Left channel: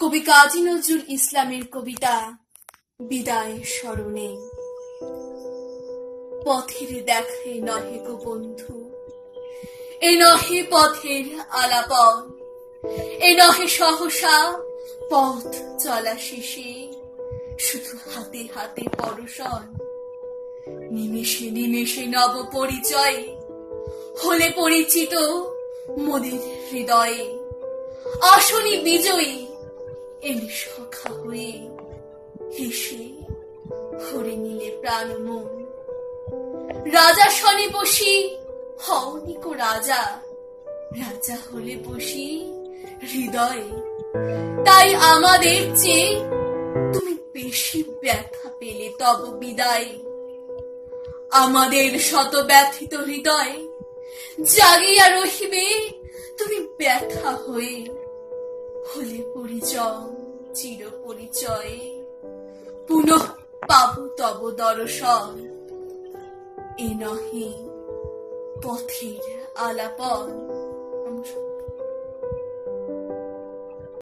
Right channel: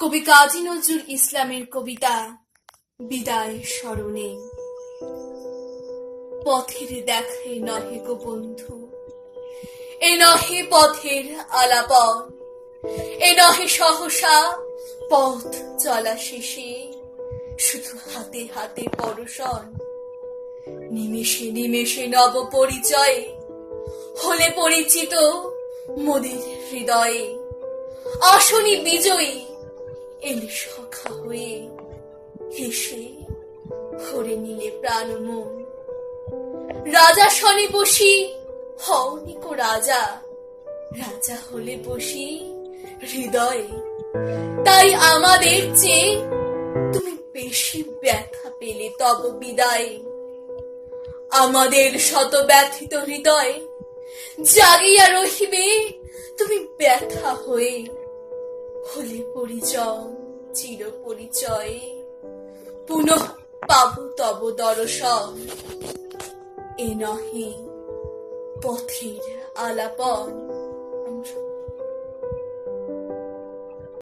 কবি কাজী নজরুল ইসলামের কবিতা বিদায় স্মরণে। পথের দেখায় নহে গো বন্ধু, এ নহে পথের আলাপন, এ নহে সহসা পথ চলা শেষে শুধু হাতে হাতে পরশন। নিমেষে নিমেষে নব পরিচয় হলে পরিচিত মোদের হৃদয়ে। আসনি বিজয়ী এলে সখা হয়ে হেসে ভরে নিলে প্রাণ মন। রাজা শনি বসি হওনি কো রাজা, রাজা হলে বসি হৃদয়ে। তাই আমাদের চেয়ে তুমি বেশি ব্যথা পেলে তব বিদায়। আমাদের শত ব্যথিত হৃদয় জাগিয়া রহিবে তুমি ব্যথা হয়ে। হলে পরিচয় চির পরিচয়ে পুনঃ পাব তব দর্শন। এ নহে পথের আলাপন।